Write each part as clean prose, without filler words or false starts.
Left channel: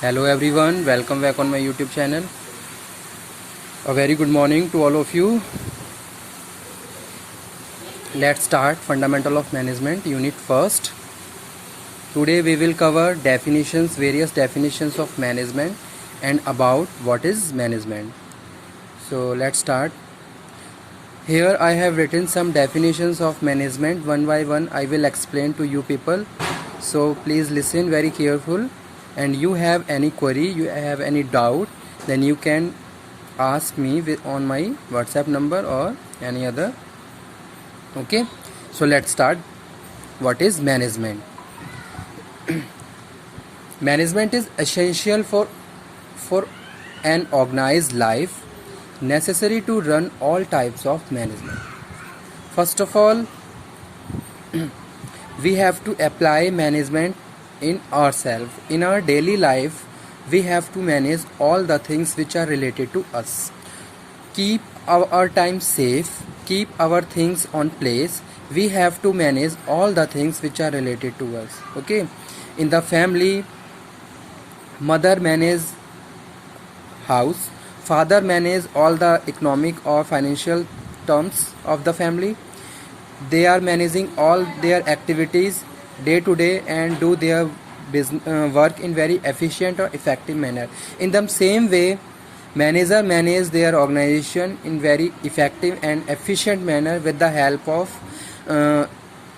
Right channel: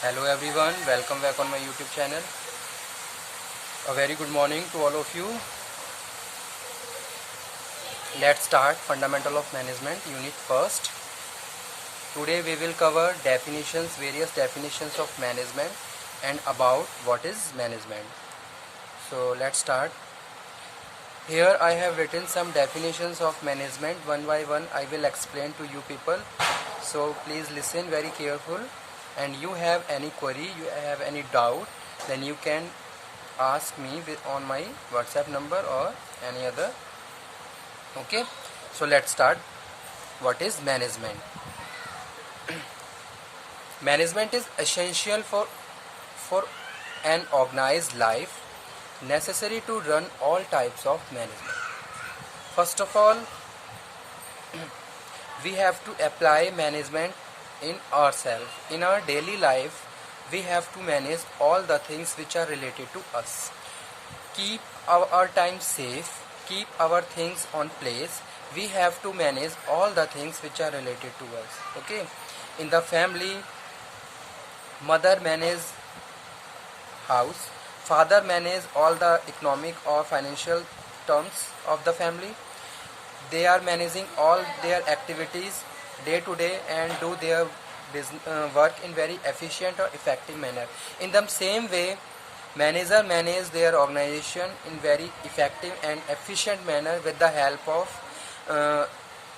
Hello everyone, welcome back on my YouTube channel. A very good morning to all of you. Let's start Fundamental of Management Unit first. Today we will cover various definitions of management and about what is management. So let's start. Here I have written some definitions of management. One by one I will explain to you people. So please listen very careful, and you have any query, you have any doubt, then you can ask me on my WhatsApp number or any other. Okay, so let's start. What is management? Management is essential for an organized life, necessary to run all types of management. First of all, we have to apply management in ourselves. In our daily life, we have to manage all the things which are related to us. Keep our time safe, keep our things on place. We have to manage all the things which are related to us. Okay, in the family, mother manages house, father manages all the economic or financial terms of the family. They are managing all their activities day to day and do their work in very efficient or effective manner. In the same way, manager manage their organization in very effective and efficient manner with the help of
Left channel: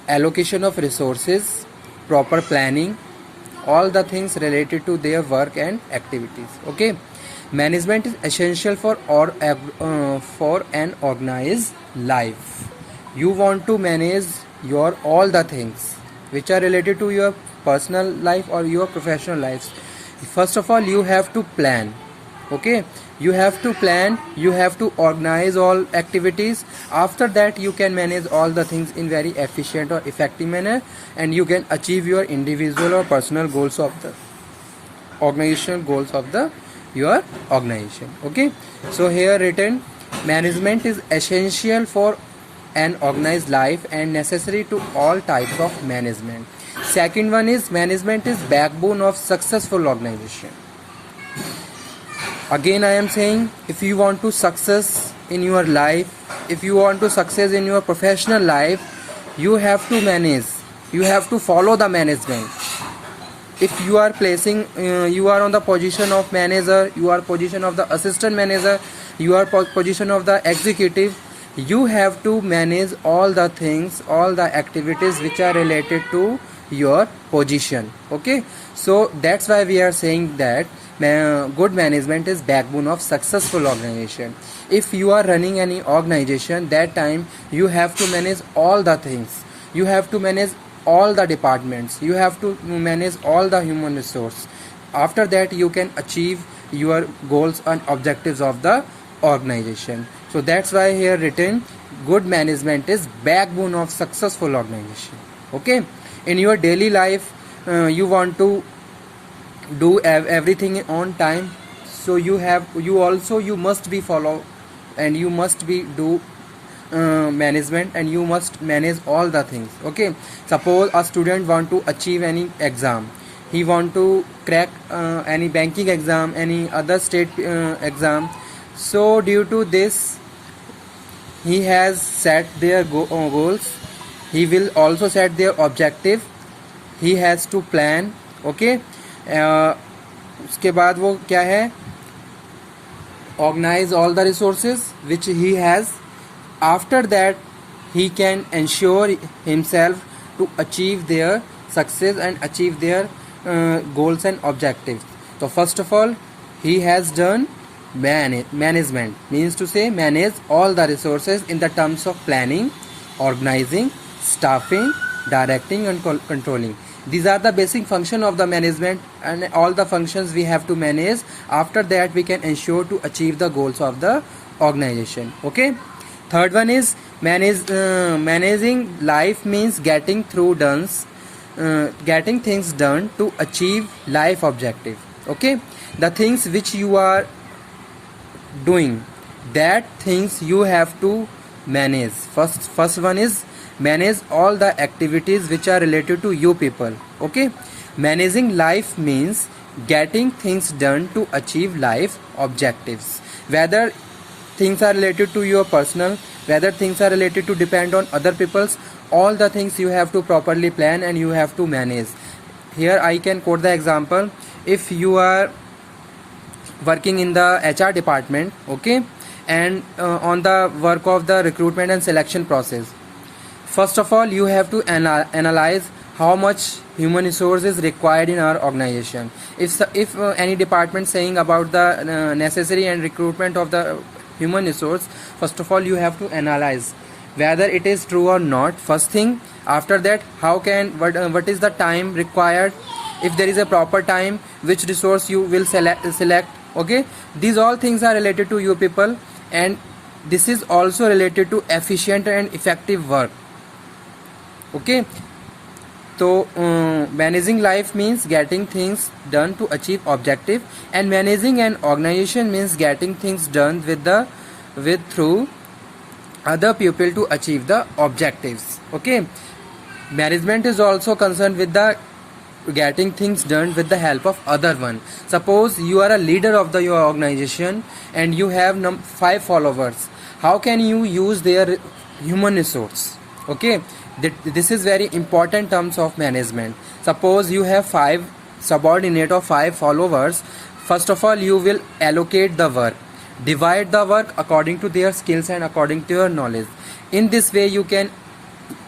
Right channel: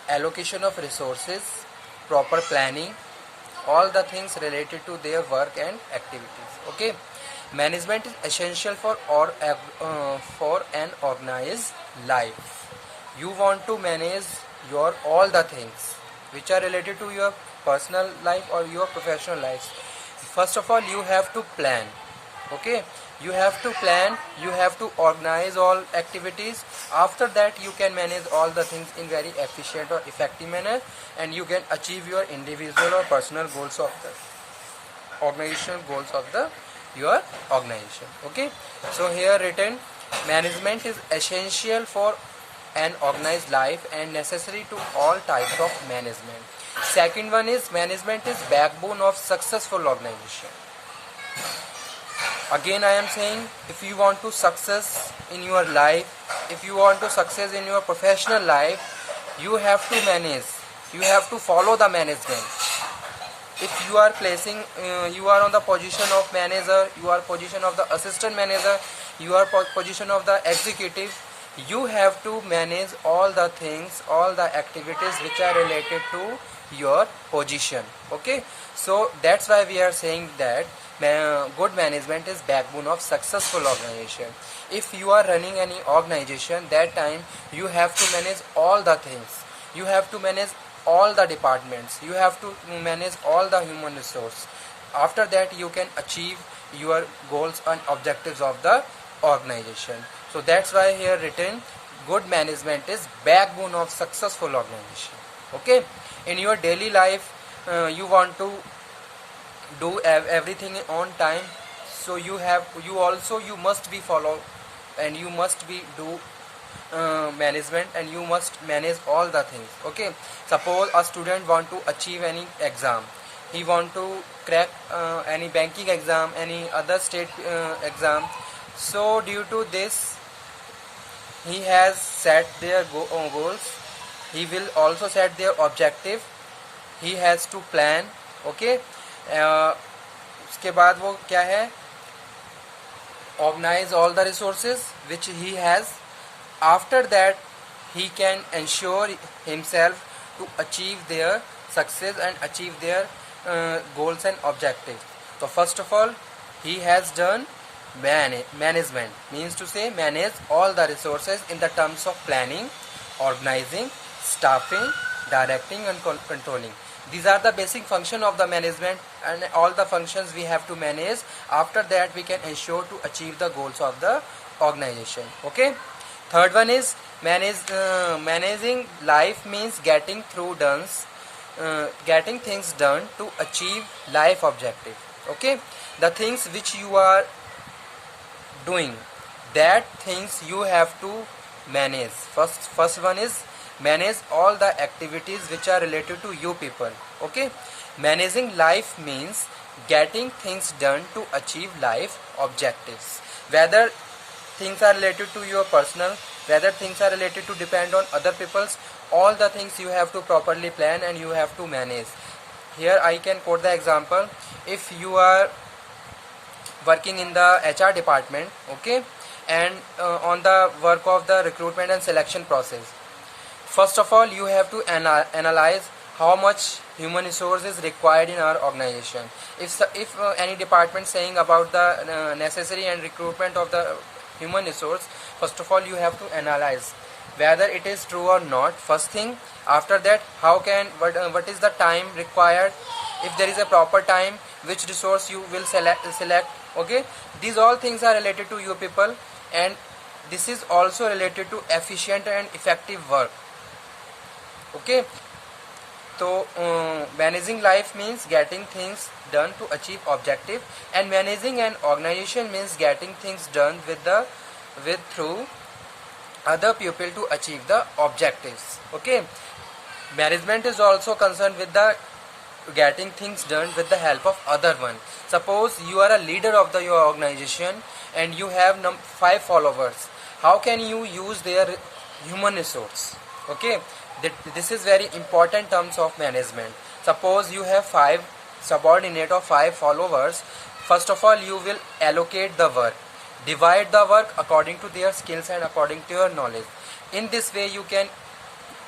allocation of resources, proper planning, all the things related to their work and activities. Okay, management is essential for an organized life. You want to manage your all the things which are related to your personal life or your professional life. First of all, you have to plan. Okay, you have to plan, you have to organize all activities. After that, you can manage all the things in very efficient or effective manner, and you can achieve your individual or personal goals of the organizational goals of your organization. Okay, so here written, management is essential for an organized life and necessary to all types of management. Second one is, management is backbone of successful organization. Again I am saying, if you want to success in your life, if you want to success in your professional life, you have to manage, you have to follow the management. If you are you are on the position of manager, you are position of the assistant manager, you are position of the executive, you have to manage all the things, all the activities which are related to your position. Okay, so that's why we are saying that good management is backbone of successful organization. If you are running any organization, that time you have to manage all the things, you have to manage all the departments, you have to manage all the human resource. After that, you can achieve your goals and objectives of the organization. So that's why here written, good management is backbone of successful organization. Okay, in your daily life, you want to do everything on time, so you must be follow, and you must be do management, and you must manage all the things. Okay, suppose a student want to achieve any exam, he want to crack any banking exam, any other state exam. So due to this, he has set their goals, he will also set their objective, he has to plan. Okay, उसके बाद वो क्या है, organize all the resources which he has. After that, he can ensure himself to achieve their success and achieve their goals and objectives. So first of all, he has done management, means to say manage all the resources in the terms of planning, organizing, staffing, directing and controlling. These are the basic function of the management, and all the functions we have to manage. After that, we can ensure to achieve the goals of the organization. Okay, third one is managing life means getting things done to achieve life objective. Okay, the things which you are doing, that things you have to manage. First one is manage all the activities which are related to you people. Okay, Managing life means getting things done to achieve life objectives. Whether things are related to your personal, whether things are related to depend on other people's, all the things you have to properly plan and you have to manage. Here I can quote the example. If you are working in the HR department, okay, and on the work of the recruitment and selection process, first of all you have to analyze how much human resource is required in our organization. If any department saying about the necessary and recruitment of the human resource, first of all you have to analyze whether it is true or not, first thing. After that, what is the time required, if there is a proper time, which resource you will select. Okay, these all things are related to you people, and this is also related to efficient and effective work. Okay, so managing life means getting things done to achieve objective, and managing an organization means getting things done with through other people to achieve the objectives. Okay, management is also concerned with the getting things done with the help of other one. Suppose you are a leader of your organization and you have 5 followers. How can you use their human resource? Okay, this is very important terms of management. Suppose you have 5 subordinate or 5 followers. First of all, you will allocate the work, divide the work according to their skills and according to your knowledge. In this way you can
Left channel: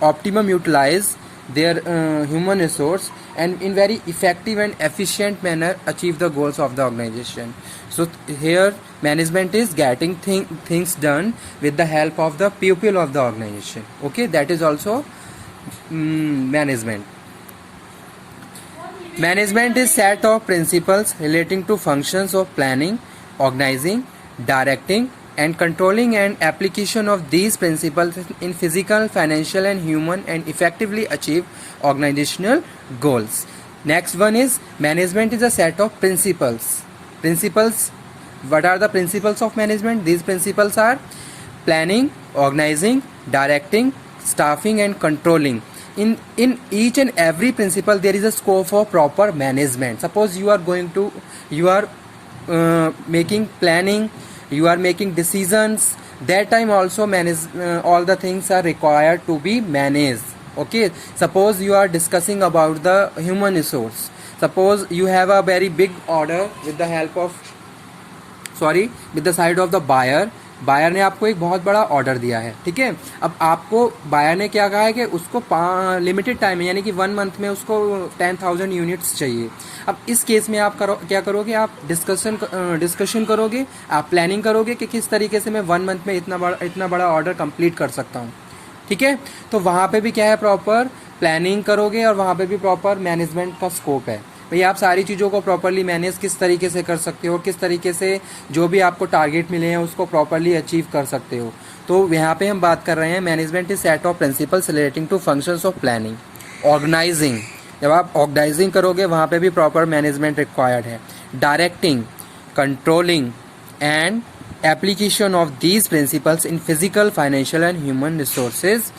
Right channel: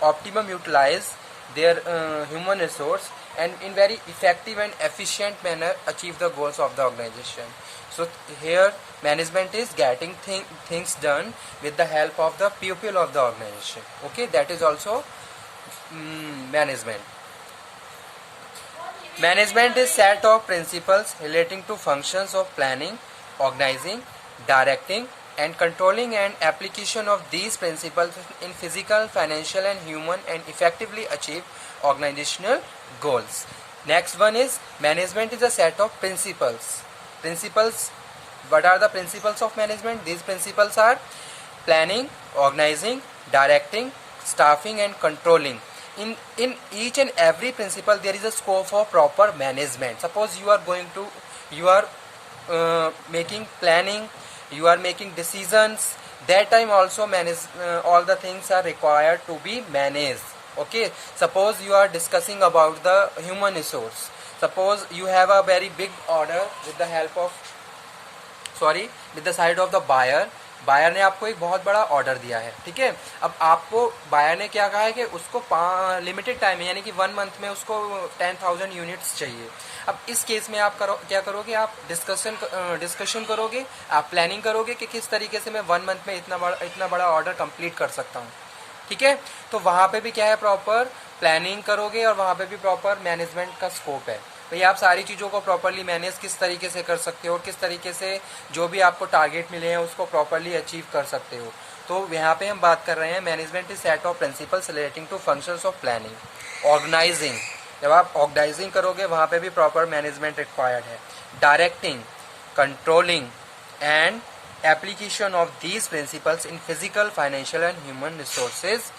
optimum utilize their human resource and in very effective and efficient manner achieve the goals of the organization. So here management is getting things done with the help of the people of the organization. Okay, that is also management. Management is set of principles relating to functions of planning, organizing, directing and controlling, and application of these principles in physical, financial and human and effectively achieve organizational goals. Next one is management is a set of principles. Principles, what are the principles of management? These principles are planning, organizing, directing, staffing and controlling. In each and every principle there is a scope for proper management. Suppose you are making planning, you are making decisions, that time also all the things are required to be managed. Okay, suppose you are discussing about the human resource. Suppose you have a very big order with the side of the buyer. Buyer ने आपको एक बहुत बड़ा order दिया है, ठीक है. अब आपको बायर ने क्या कहा है कि उसको लिमिटेड टाइम है, यानी कि 1 मंथ में उसको 10,000 यूनिट्स चाहिए. अब इस केस में आप क्या करोगे, आप डिस्कशन करोगे, आप प्लानिंग करोगे कि किस तरीके से मैं 1 मंथ में इतना बड़ा ऑर्डर कंप्लीट कर सकता हूँ. ठीक है, तो वहां पे भी क्या है, प्रॉपर प्लानिंग करोगे और वहां पे भी प्रॉपर मैनेजमेंट का स्कोप है. भाई आप सारी चीज़ों को प्रॉपरली मैनेज किस तरीके से कर सकते हो, किस तरीके से जो भी आपको टारगेट मिले हैं उसको प्रॉपरली अचीव कर सकते हो. तो यहाँ पे हम बात कर रहे हैं management is set of principles relating to functions of planning, organising. जब आप ऑर्गेनाइजिंग करोगे वहाँ पे भी प्रॉपर मैनेजमेंट रिक्वायर्ड है. Directing, controlling and application of these principles in physical, financial and human resources.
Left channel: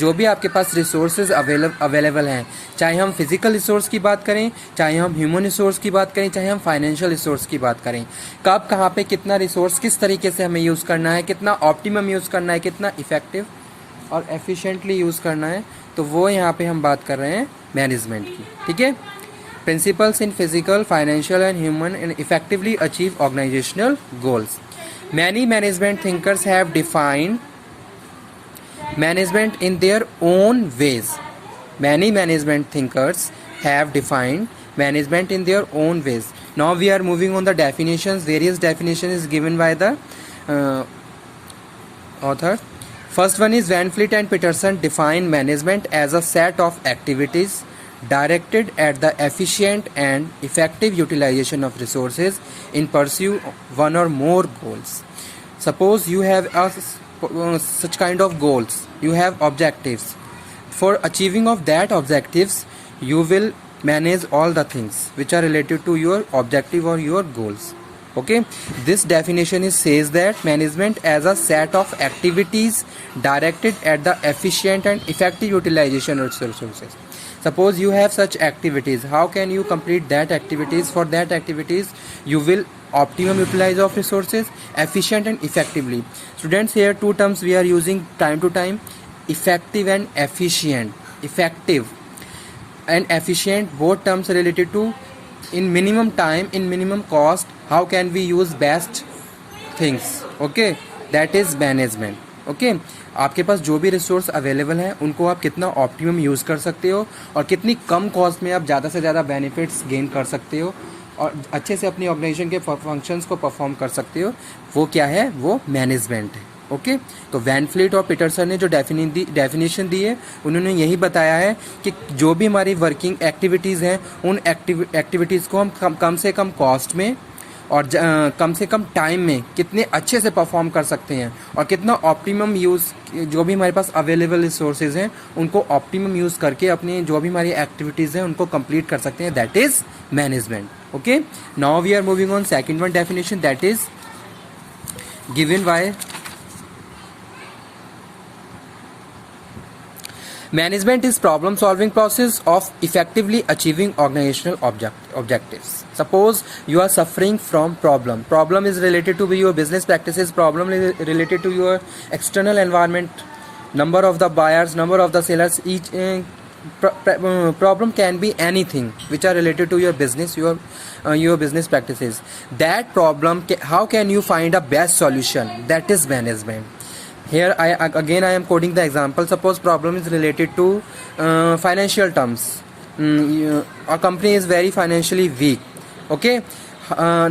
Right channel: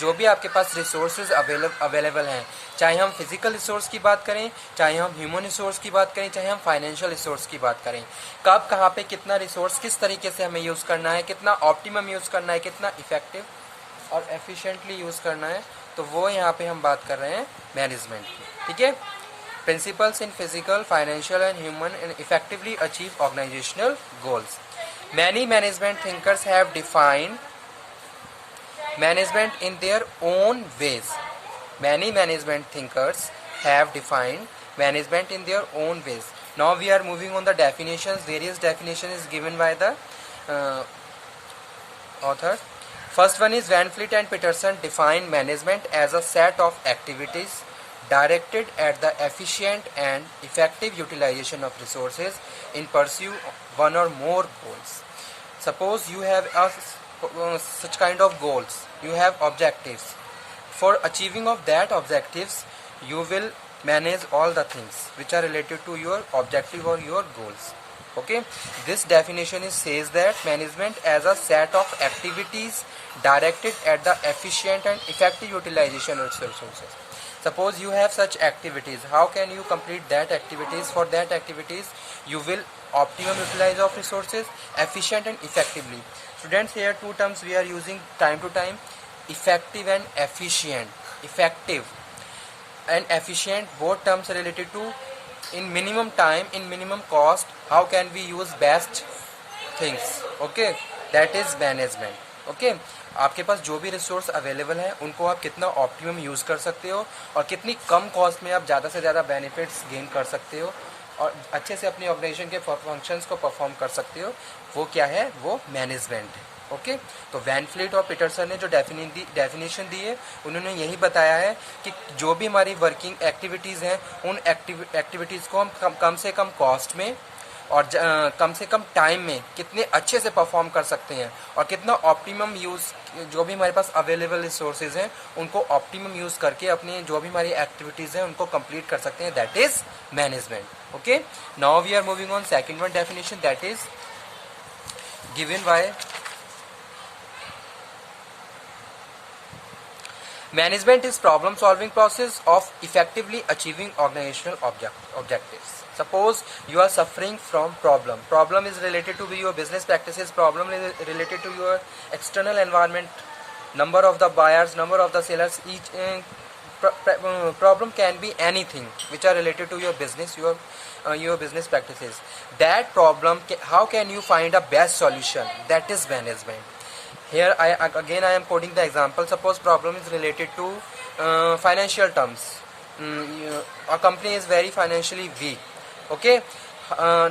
जो भी आपके पास रिसोर्सेज अवेलेबल हैं, चाहे हम फिजिकल रिसोर्स की बात करें, चाहे हम ह्यूमन रिसोर्स की बात करें, चाहे हम फाइनेंशियल रिसोर्स की बात करें, कब कहाँ पे कितना रिसोर्स किस तरीके से हमें यूज़ करना है, कितना ऑप्टिमम यूज़ करना है, कितना इफेक्टिव और एफिशिएंटली यूज़ करना है, तो वो यहाँ पे हम बात कर रहे हैं मैनेजमेंट की. ठीक है, principles in physical, financial and human and effectively achieve organisational goals. Many management thinkers have defined management in their own ways. Many management thinkers have defined management in their own ways. Now we are moving on the definitions. Various definitions is given by the author. First one is Van Fleet and Peterson define management as a set of activities directed at the efficient and effective utilization of resources in pursuit of one or more goals. Suppose you have such kind of goals, you have objectives. For achieving of that objectives, you will manage all the things which are related to your objective or your goals. Okay, this definition says that management as a set of activities directed at the efficient and effective utilization of resources. Suppose you have such activities, how can you complete that activities? For that activities you will optimum utilize of resources, efficient and effectively. Students, here two terms we are using time to time, effective and efficient. Effective and efficient, both terms are related to in minimum time, in minimum cost, how can we use best things. Okay, that is management. Okay, आपके पास जो भी resource available है उनको आप कितना optimum use कर सकते हो और कितनी कम कॉस्ट में आप ज़्यादा से ज़्यादा बेनिफिट्स गेन कर सकते हो और अच्छे से अपनी ऑर्गेनाइजेशन के फंक्शंस को परफॉर्म कर सकते हो, वो क्या है, वो मैनेजमेंट है. ओके, तो वैन फ्लीट और पीटरसन ने जो डेफिनेशन दी है उन्होंने यही बताया है कि जो भी हमारी वर्किंग एक्टिविटीज़ हैं उन एक्टिविटीज़ को हम कम से कम कॉस्ट में और कम से कम टाइम में कितने अच्छे से परफॉर्म कर सकते हैं और कितना ऑप्टिमम यूज़, जो भी हमारे पास अवेलेबल रिसोर्सेज हैं उनको ऑप्टिमम यूज़ करके अपनी जो भी हमारी एक्टिविटीज़ हैं उनको कंप्लीट कर सकते हैं. That is management. Okay, now we are moving on second one definition, that is given by management is problem solving process of effectively achieving organizational objectives. Suppose you are suffering from problem is related to your business practices, problem is related to your external environment, number of the buyers, number of the sellers. Each problem can be anything which are related to your business, your business practices. That problem, how can you find a best solution? That is management. Here I am quoting the example. Suppose problem is related to financial terms. A company is very financially weak. Okay,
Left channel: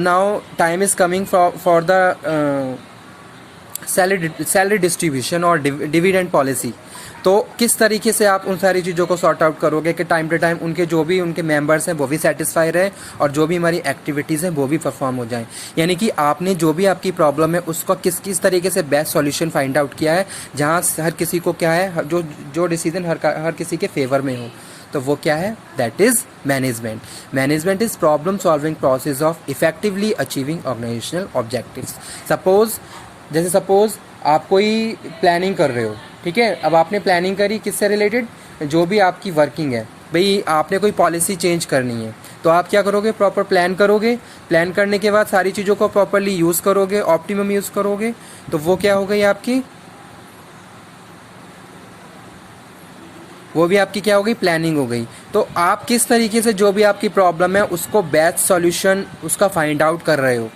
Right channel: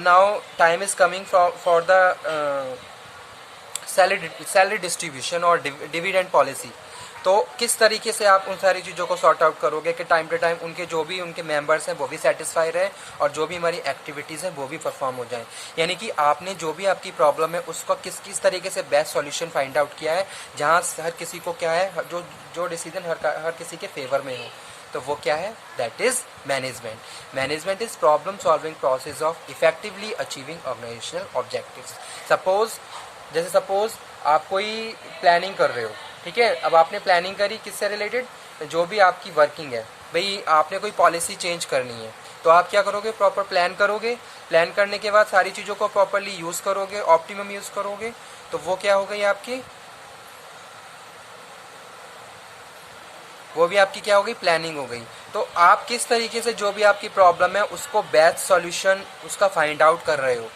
now time is coming for the salary distribution or dividend policy. तो किस तरीके से आप उन सारी चीज़ों को sort out करोगे कि टाइम टू टाइम उनके जो भी उनके मेंबर्स हैं वो भी सेटिस्फाई रहे और जो भी हमारी एक्टिविटीज़ हैं वो भी परफॉर्म हो जाएं. यानी कि आपने जो भी आपकी प्रॉब्लम है उसका किस तरीके से बेस्ट सॉल्यूशन फाइंड आउट किया है जहां हर किसी को क्या है, जो डिसीजन हर किसी के फेवर में हो, तो वो क्या है, that is management. Management is problem solving process of effectively achieving organisational objectives. Suppose आप कोई प्लानिंग कर रहे हो, ठीक है. अब आपने प्लानिंग करी किससे रिलेटेड, जो भी आपकी वर्किंग है, भाई आपने कोई पॉलिसी चेंज करनी है तो आप क्या करोगे, प्रॉपर प्लान करोगे. प्लान करने के बाद सारी चीज़ों को प्रॉपरली यूज़ करोगे, ऑप्टिमम यूज़ करोगे, तो वो क्या हो गई आपकी, वो भी आपकी क्या हो गई, प्लानिंग हो गई. तो आप किस तरीके से जो भी आपकी प्रॉब्लम है उसको बेस्ट सॉल्यूशन उसका फाइंड आउट कर रहे हो,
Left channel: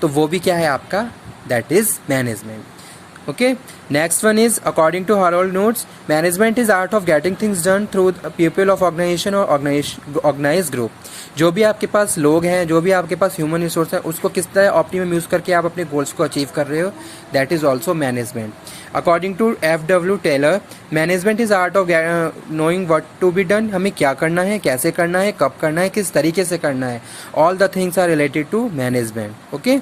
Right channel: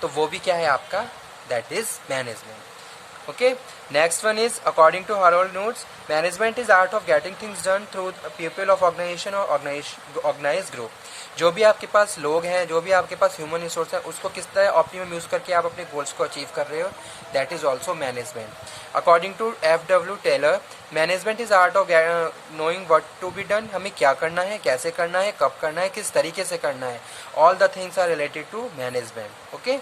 तो वो भी क्या है आपका, that is management. Okay, next one is according to Harold Notes, management is art of getting things done through people of organization or organized group. जो भी आपके पास लोग हैं, जो भी आपके पास ह्यूमन रिसोर्स है, उसको किस तरह ऑप्टिमम यूज करके आप अपने गोल्स को अचीव कर रहे हो, that is also management. According to F.W. Taylor, management is art of knowing what to be done. हमें क्या करना है, कैसे करना है, कब करना है, किस तरीके से करना है, all the things are related to management. Okay.